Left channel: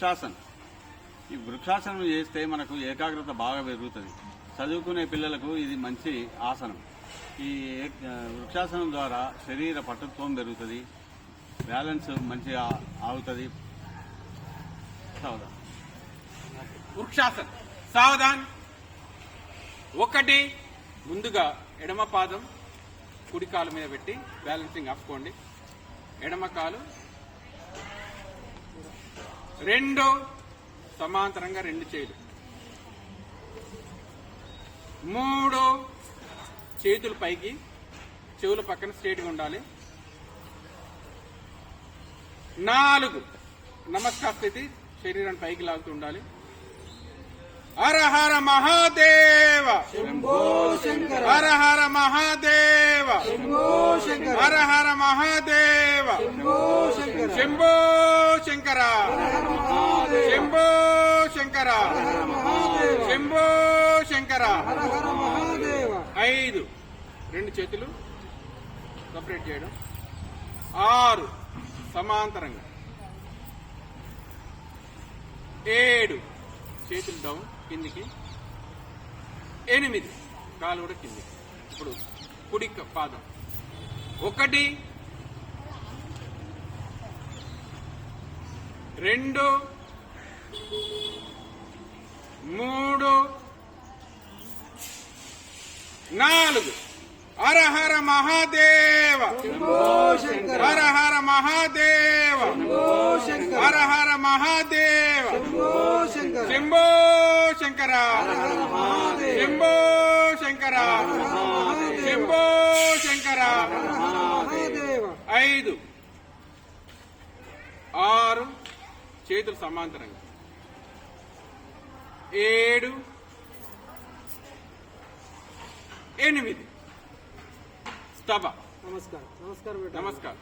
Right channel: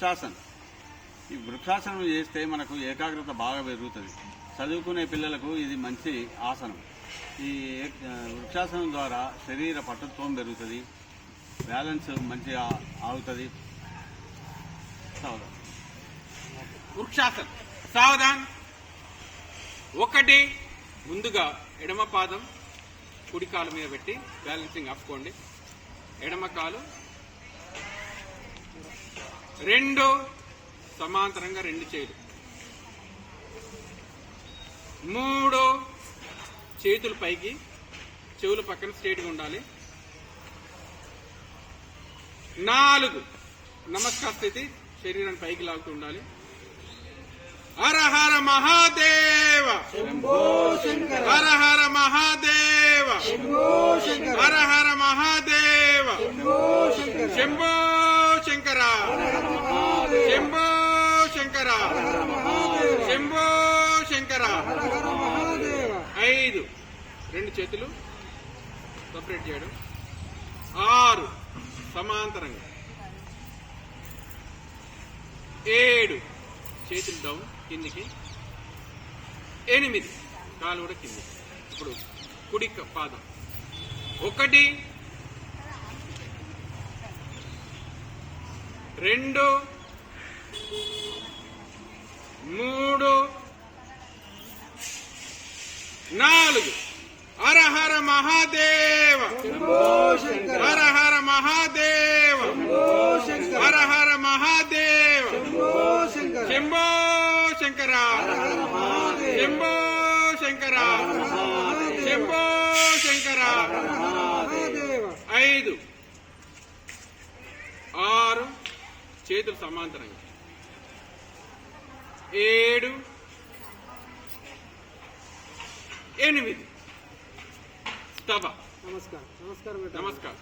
వృక్షాసనం. ఈ వృక్షాసనం చేస్తే మనకు ఏకాగ్రత బాగా పెరుగుతుంది. చదువుకునే పిల్లలకు ఇది మంచి ఆసనం. ఈ వృక్షాసనం ద్వారా శరీర పటుత్వం పెరుగుతుంది, బ్యాలెన్స్ మంచిగా ఆగుతుంది. సావధాన్. వృక్షాసనం. సావధాన్. 1 ముందుగా ఎడమ పాదం కుడి కాలు మీద పెట్టి బ్యాలెన్సింగ్ ఆపుకోండి. ఎడమ కాలు 2 సమాంతరంగా 2 చేతులు. 3 చేతులు పైకి, చెవుల పక్కన స్ట్రేట్గా ఉండాలి. 4 నమస్కార స్థితి, శరీరాన్ని పైకి లాగుతూ ఉండాలి. హర హర మహాదేవ, హర హర మహాదేవ, హర హర మహాదేవ, శంభో శంకర, శంభో శంకర, శంభో శంకర. 5 2 చేతులు సపరేట్ చేయడం. 6 సమాంతరంగా. 7 చేతులు డౌన్ కిందికి. 8 కాలు కూడా కిందికి. ఇప్పుడు కుడి పాదం 1 2 3 4. హర హర మహాదేవ, హర హర మహాదేవ, హర హర మహాదేవ, శంభో శంకర, శంభో శంకర, శంభో శంకర. 5 6 చేతులు సమాంతరంగా. 7 8 స్తవ. నమస్కారం. నమస్కారం.